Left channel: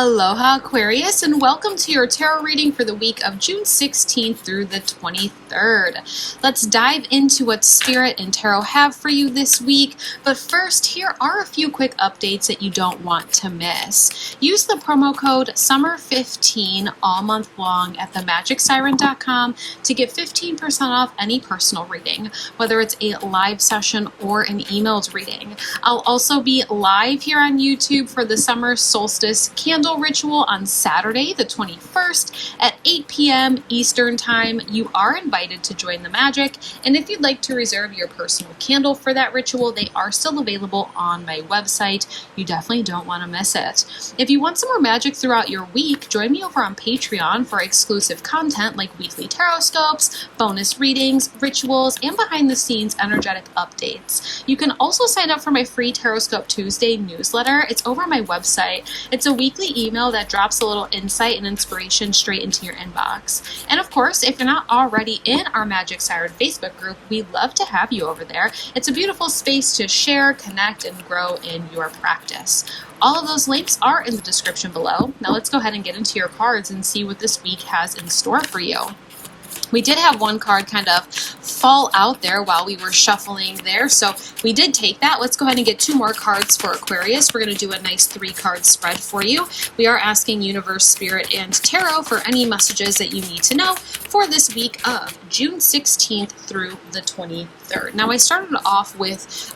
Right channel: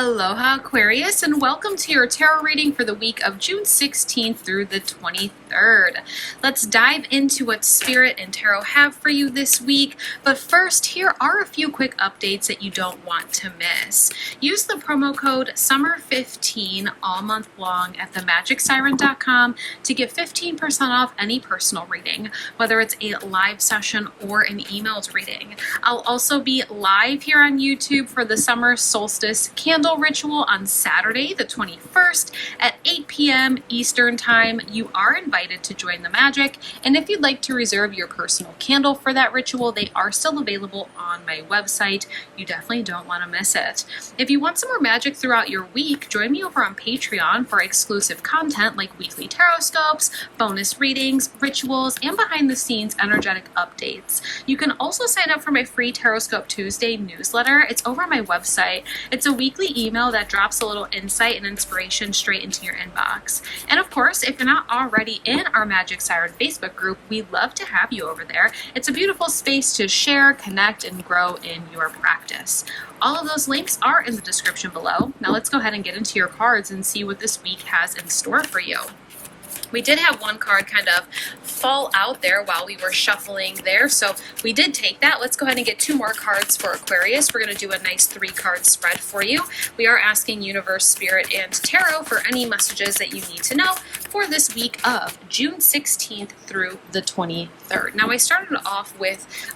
Aloha Aquarius, and welcome to your tarot reading for the week of June 16th through the 23rd. Let's dive into what Spirit and Tarot have for you this week, but first, here are a few quick updates that you don't want to miss. Use the promo code SUMMER15 all month long at themagicsiren.com to get 15% off any personal reading, whether it's a live session or an emailed reading. I'll also be live here on YouTube for the Summer Solstice candle ritual on Saturday, the 21st at 8 p.m. Eastern Time. You are invited to join the magic, and if you'd like to reserve your personal candle for that ritual, they are still available on my website. You definitely don't want to miss it. If you want some more magic throughout your week, join me over on Patreon for exclusive content like weekly tarot scopes, bonus readings, rituals, and behind-the-scenes energetic updates. You can also sign up for my free Tarot Scope Tuesday newsletter. It's over on my website. It's a weekly email that drops a little insight and inspiration straight into your inbox. And of course, if you're not already in our Magic Siren Facebook group, we'd love to have you over there. It's a beautiful space to share, connect, and grow in your practice. All of those links are in the description below. Now let's go ahead and get into your cards and see what this week has in store for you. We did have one card kind of fall out there while we were shuffling there, so we did take that. Let's go ahead and get two more cards for Aquarius. We're going to do a nice 3-card spread for you. We are asking Universe, Spirit, and Tarot for any messages that you need to know for this week of June 16th through the 23rd. Now, I started off with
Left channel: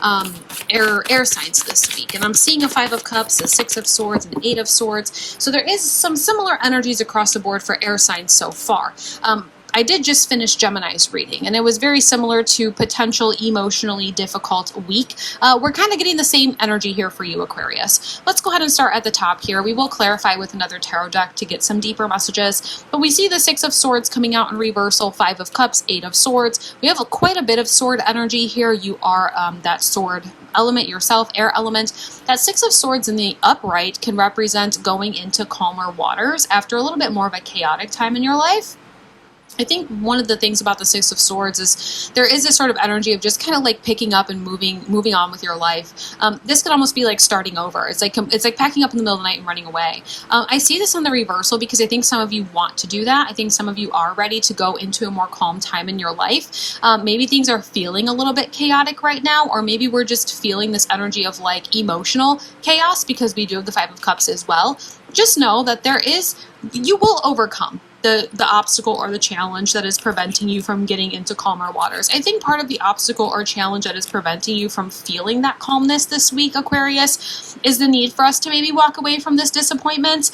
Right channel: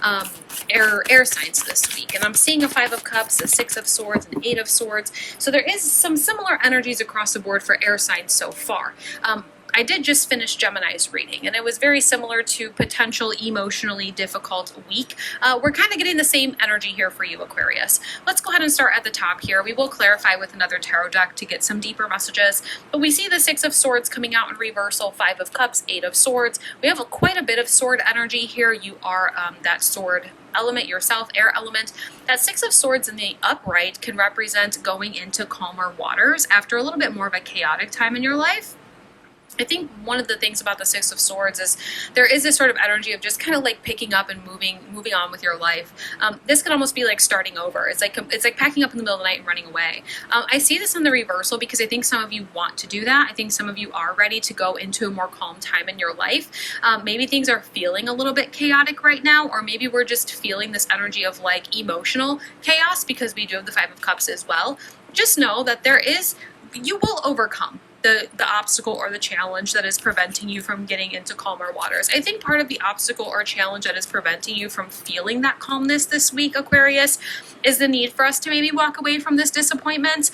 air signs this week, and I'm seeing a 5 of Cups, a 6 of Swords, and 8 of Swords, so there is some similar energies across the board for air signs so far. I did just finish Gemini's reading, and it was very similar to potential emotionally difficult week. We're kind of getting the same energy here for you, Aquarius. Let's go ahead and start at the top here. We will clarify with another tarot deck to get some deeper messages, but we see the 6 of Swords coming out in reversal, 5 of Cups, 8 of Swords. We have quite a bit of sword energy here. You are that sword element yourself, air element. That 6 of Swords in the upright can represent going into calmer waters after a little bit more of a chaotic time in your life. I think one of the things about the 6 of Swords is there is this sort of energy of just kind of like picking up and moving on with your life. This could almost be like starting over. It's like packing up in the middle of the night and running away. I see this on the reversal because I think some of you want to do that. I think some of you are ready to go into a more calm time in your life. Maybe things are feeling a little bit chaotic right now, or maybe we're just feeling this energy of like emotional chaos because we do have the 5 of Cups as well. Just know that you will overcome the obstacle or the challenge that is preventing you from getting into calmer waters. I think part of the obstacle or challenge that is preventing you from feeling that calmness this week, Aquarius, is the need for us to maybe walk away from this disappointment.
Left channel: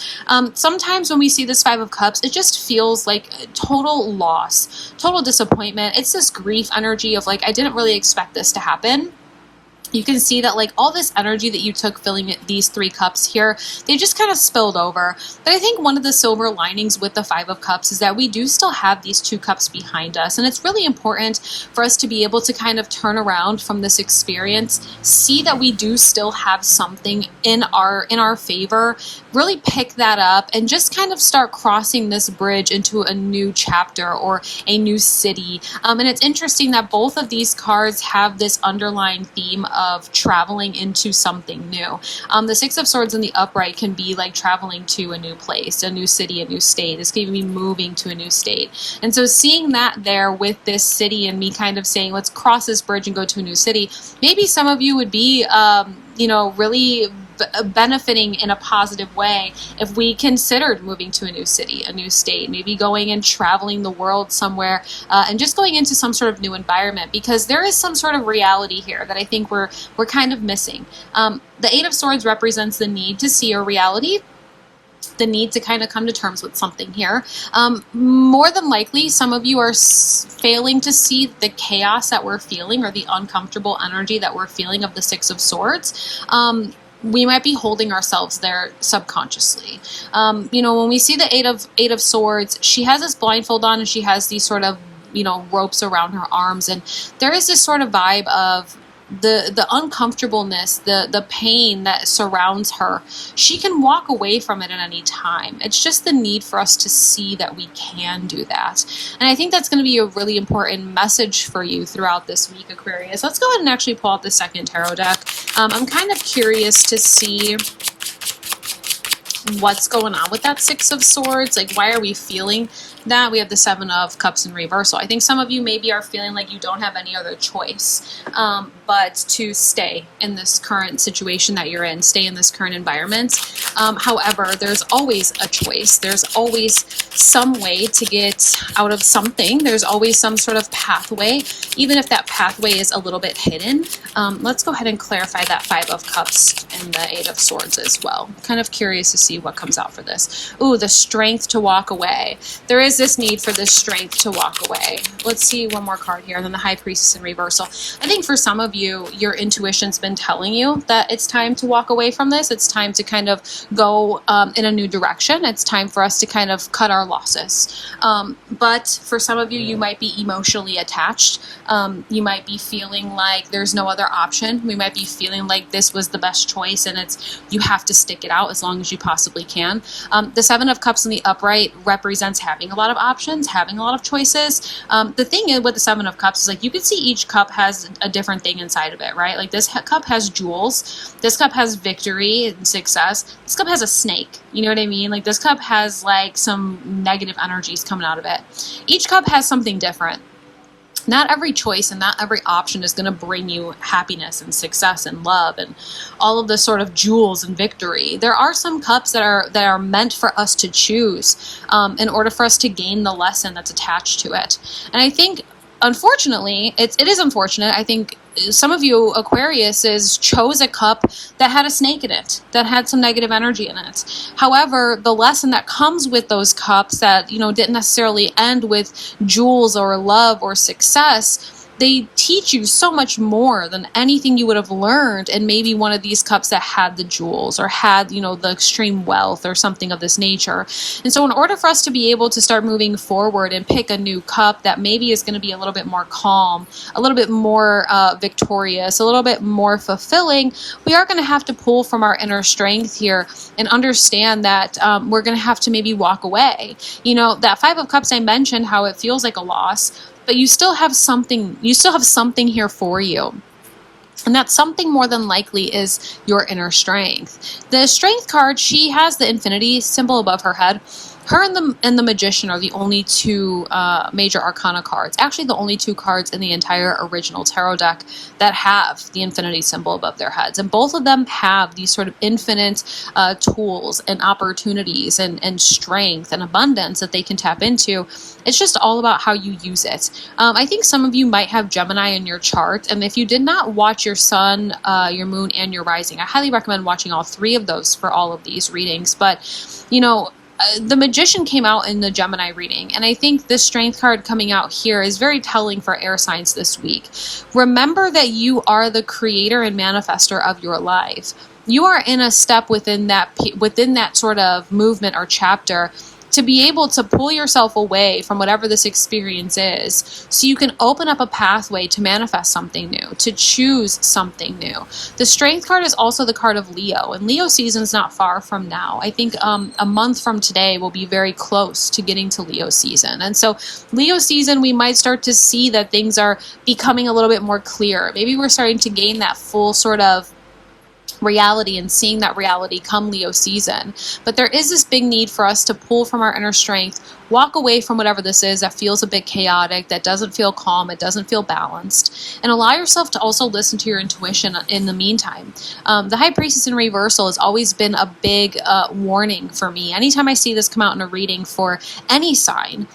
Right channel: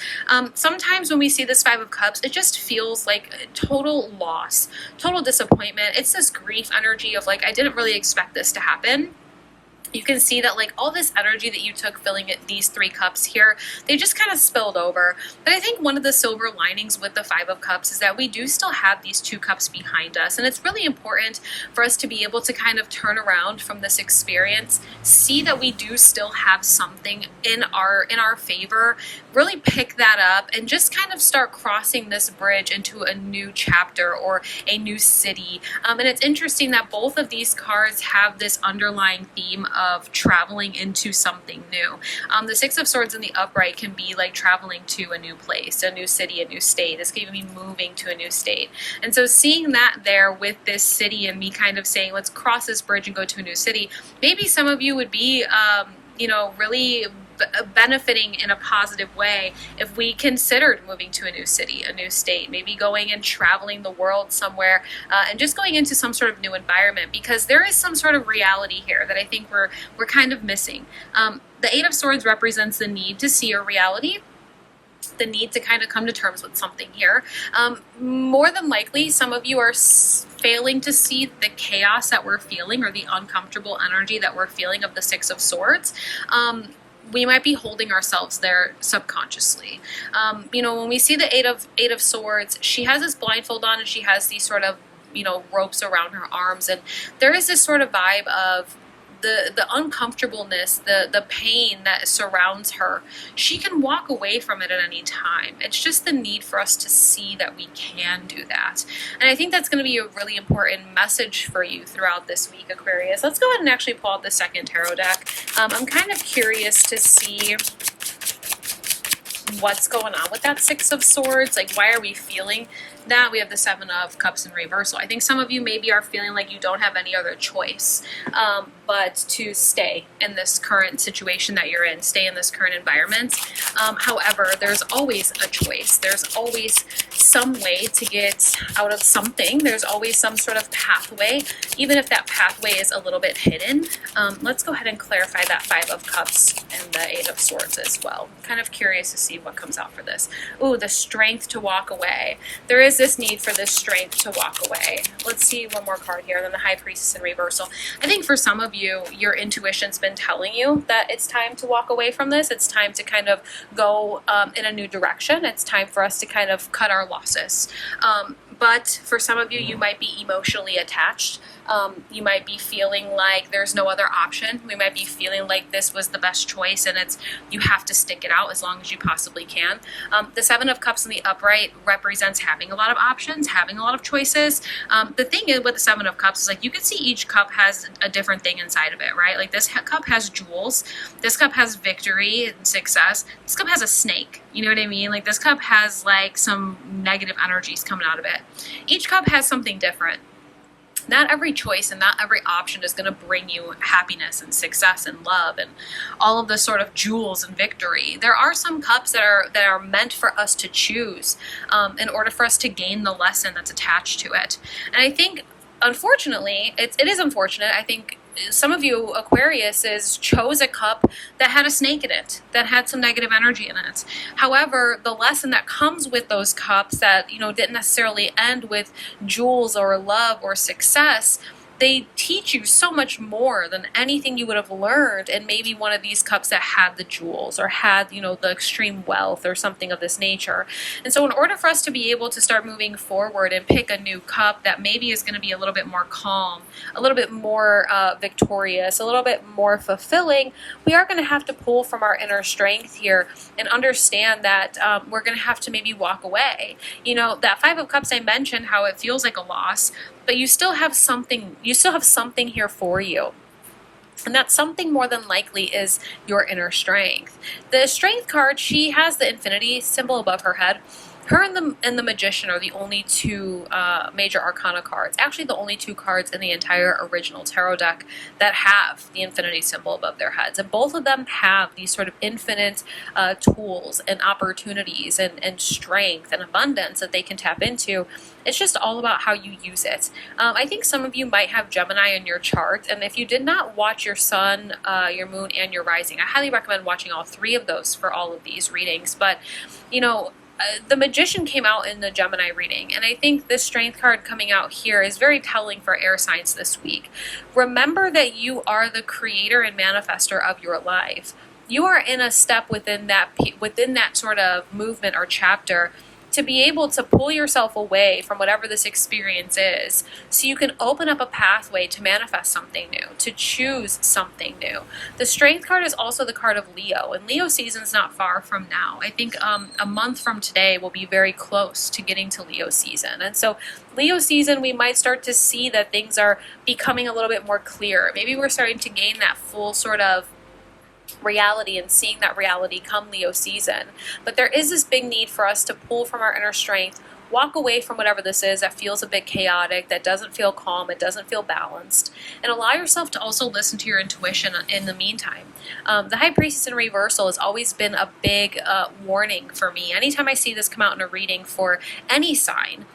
Sometimes when we see this 5 of Cups, it just feels like total loss, total disappointment. It's this grief energy of like, I didn't really expect this to happen. You can see that like all this energy that you took filling these 3 cups here, they just kind of spilled over. But I think one of the silver linings with the 5 of Cups is that we do still have these 2 cups behind us. And it's really important for us to be able to kind of turn around from this experience, see that we do still have something in our favor, really pick that up and just kind of start crossing this bridge into a new chapter or a new city. And it's interesting that both of these cards have this underlying theme of traveling into something new. The 6 of Swords in the upright can be like traveling to a new place, a new city, a new state. This can even be moving to a new state. And so seeing that there with this city and me kind of saying, let's cross this bridge and go to a new city, maybe some of you would be, really benefiting in a positive way if we considered moving to a new city, a new state, maybe going and traveling the world somewhere and just going into some sort of new environment, because there is some sort of reality here that I think we're kind of missing. The 8 of Swords represents the need to see a reality, the need to kind of come to terms with something here. More than likely, some of you are failing to see the chaos that we're feeling or the uncomfortable energy that we're feeling of the 6 of Swords. We might be holding ourselves there subconsciously. When we see the 8 of Swords, she has this blindfold on and she has these sort of, ropes around her arms. And there is this sort of vibe of the uncomfortableness, the pain that surrounds her. She can walk away from it at any time. It's just the need for us to see that we can do that. And I think that's going to be a really important message for you throughout this week, Aquarius. Let's go ahead and actually pull out the second tarot deck. I'm kind of curious to see what's going on with that Six of Swords. Like, why are we feeling that? We have the Seven of Cups in reversal. I think some of you maybe are feeling like you don't have any other choice but to stay in this current situation that you're in, stay in this current environment. However, there's always a choice. There's always some way to get out of something. There's always some sort of pathway, even if that pathway is a little bit hidden. Let's go ahead and clarify that Five of Cups and the Eight of Swords as well. Kind of curious to see what comes out for this. Ooh, the strength to walk away. There is this need for this strength to walk away. Let's see one more card here, and then the High Priestess in reversal. I think for some of you, your intuition's been telling you that it's time to walk away from this. It's time to kind of go in a new direction. It's time for us to kind of cut our losses. But for some of you, you might be emotionally attached. You might be feeling like there's no other option. We might be feeling like this was the best choice, and you have to stick it out as long as you possibly can. The Seven of Cups in the upright represents having a lot of options, having a lot of choices. The thing is with the Seven of Cups is like you can see each cup has a different thing inside of it, right? Like this cup has jewels. This cup has victory and success. This cup has a snake. You know what I mean? Like this cup has like some negative energies coming out of it. Each cup has something different. Not every choice and not every option is going to bring you happiness and success and love and all of the sort of jewels and victory. There are some cups that are meant for us to choose in order for us to gain the lesson that's attached to it. And I think, unfortunately, it is unfortunate. I think some of you Aquariuses chose a cup that had a snake in it, that had some negative energy in it. However, the lesson that comes with those cups that, didn't necessarily end with jewels or love or success, they teach you so much more than anything you would have learned in maybe one of these cups that had the jewels or had, the extreme wealth or something of this nature. And so in order for us to be able to start moving forward and pick a new cup that maybe is going to be a little bit more calm, a little bit more victorious, a little bit more fulfilling, we are going to have to pull from our inner strength here and understand that we're going to have to maybe walk away. That Five of Cups I mentioned, how it feels like a loss, but you still have something here for you. And that something more than likely is your inner strength. The Strength card, she has the infinity symbol above her head. Her and the Magician are the only two major arcana cards. Actually, the only two cards in the entire original tarot deck that have the infinity symbol above their heads. And both of them have these sort of infinite tools and opportunities and strength and abundance that they can tap into. It's just all about how you use it. I think some of you might have Gemini in your chart. And if you did not watch your sun, your moon, and your rising, I highly recommend watching all three of those for all of these readings. But, the Magician came out in the Gemini reading, and I think this Strength card coming out here is very telling for air signs this week. Remember that you are the creator and manifester of your life. You are in a step within that sort of movement or chapter to be able to pull yourself away from whatever this experience is so you can open up a pathway to manifest something new, to choose something new. The Strength card is also the card of Leo, and Leo season's not far from now. I think a month from today will be very close to getting to Leo season. And so Leo season, we might start to see that things are becoming a little bit more clear. Maybe we're starting to gain that full sort of reality and seeing that reality come Leo season. But there is this big need for us to pull from our inner strength, walk away from whatever this is that feels a bit chaotic, that doesn't feel calm, it doesn't feel balanced, and allow yourself to also listen to your intuition in the meantime. The High Priestess in reversal has always been a big warning for me. Anytime I see this come out in a reading for any sign,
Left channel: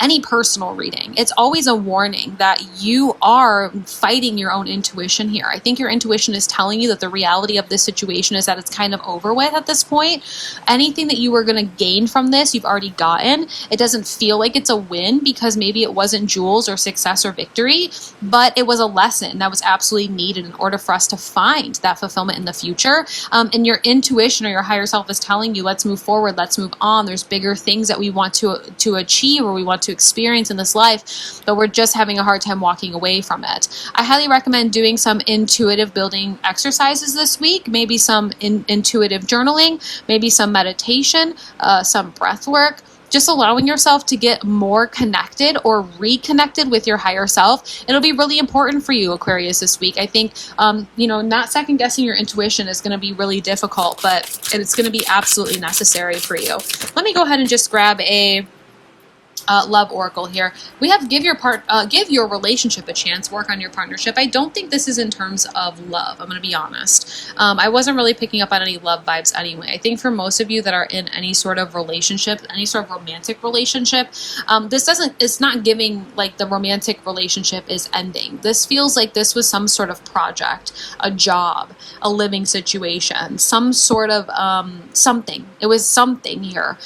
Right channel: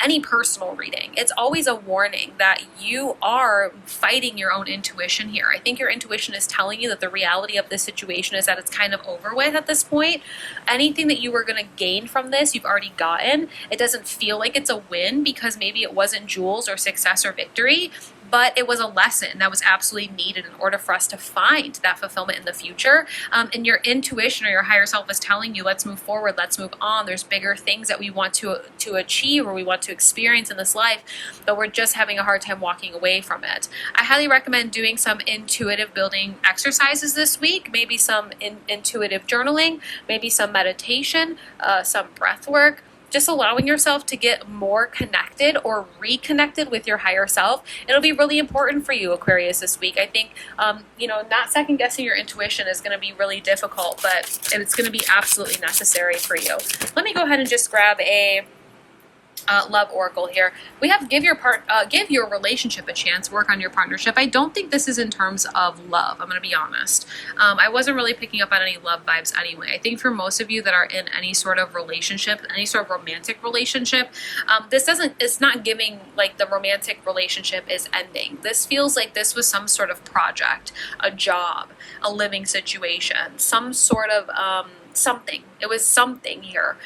any personal reading, it's always a warning that you are fighting your own intuition here. I think your intuition is telling you that the reality of this situation is that it's kind of over with at this point. Anything that you were going to gain from this, you've already gotten. It doesn't feel like it's a win because maybe it wasn't jewels or success or victory, but it was a lesson that was absolutely needed in order for us to find that fulfillment in the future. And your intuition or your higher self is telling you, let's move forward, let's move on. There's bigger things that we want to achieve or we want to experience in this life, but we're just having a hard time walking away from it. I highly recommend doing some intuitive building exercises this week, maybe some intuitive journaling, maybe some meditation, some breath work. just allowing yourself to get more connected or reconnected with your higher self. It'll be really important for you, Aquarius, this week. I think, not second guessing your intuition is going to be really difficult, but it's going to be absolutely necessary for you. Let me go ahead and just grab a love oracle here. We have give your relationship a chance, work on your partnership. I don't think this is in terms of love. I'm going to be honest. I wasn't really picking up on any love vibes anyway. I think for most of you that are in any sort of relationship, any sort of romantic relationship, it's not giving like the romantic relationship is ending. This feels like this was some sort of project, a job, a living situation, some sort of something. It was something here,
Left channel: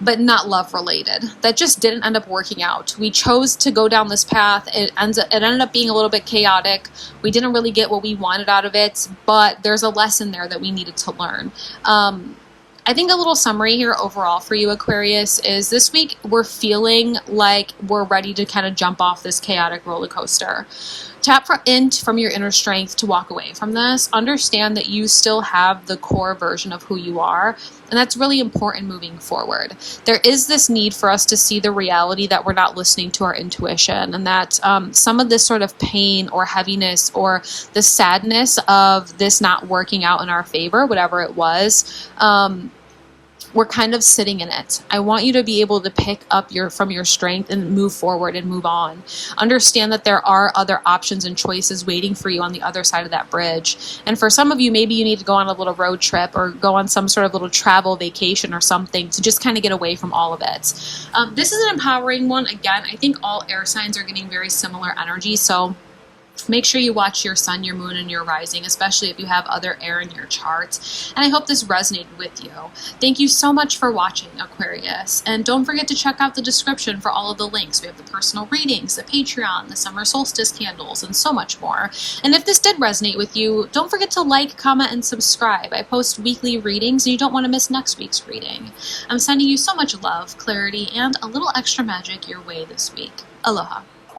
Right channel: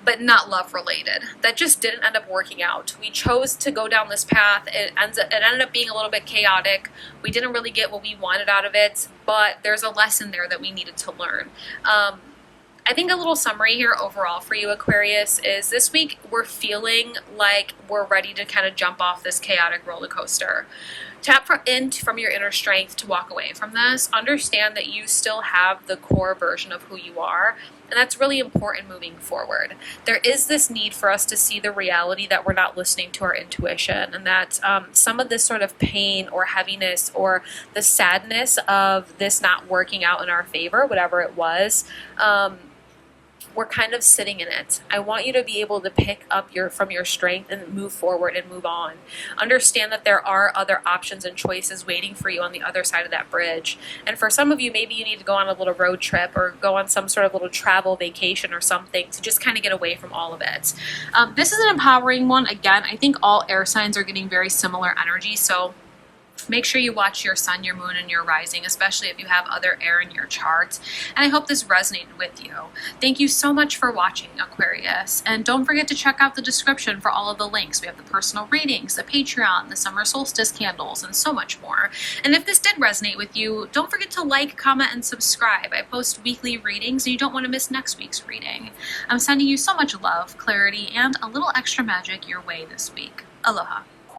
but not love related. That just didn't end up working out. We chose to go down this path. It ended up being a little bit chaotic. We didn't really get what we wanted out of it, but there's a lesson there that we needed to learn. I think a little summary here overall for you, Aquarius, is this week we're feeling like we're ready to kind of jump off this chaotic roller coaster. Tap from your inner strength to walk away from this. Understand that you still have the core version of who you are, and that's really important moving forward. There is this need for us to see the reality that we're not listening to our intuition, and that some of this sort of pain or heaviness or the sadness of this not working out in our favor, whatever it was, we're kind of sitting in it. I want you to be able to pick up from your strength and move forward and move on. Understand that there are other options and choices waiting for you on the other side of that bridge. And for some of you, maybe you need to go on a little road trip or go on some sort of little travel vacation or something to just kind of get away from all of it. This is an empowering one. Again, I think all air signs are getting very similar energy. So make sure you watch your sun, your moon, and your rising, especially if you have other air in your chart. And I hope this resonated with you. Thank you so much for watching, Aquarius. And don't forget to check out the description for all of the links. We have the personal readings, the Patreon, the summer solstice candles, and so much more. And if this did resonate with you, don't forget to like, comment, and subscribe. I post weekly readings, and you don't want to miss next week's reading. I'm sending you so much love, clarity, and a little extra magic your way this week. Aloha.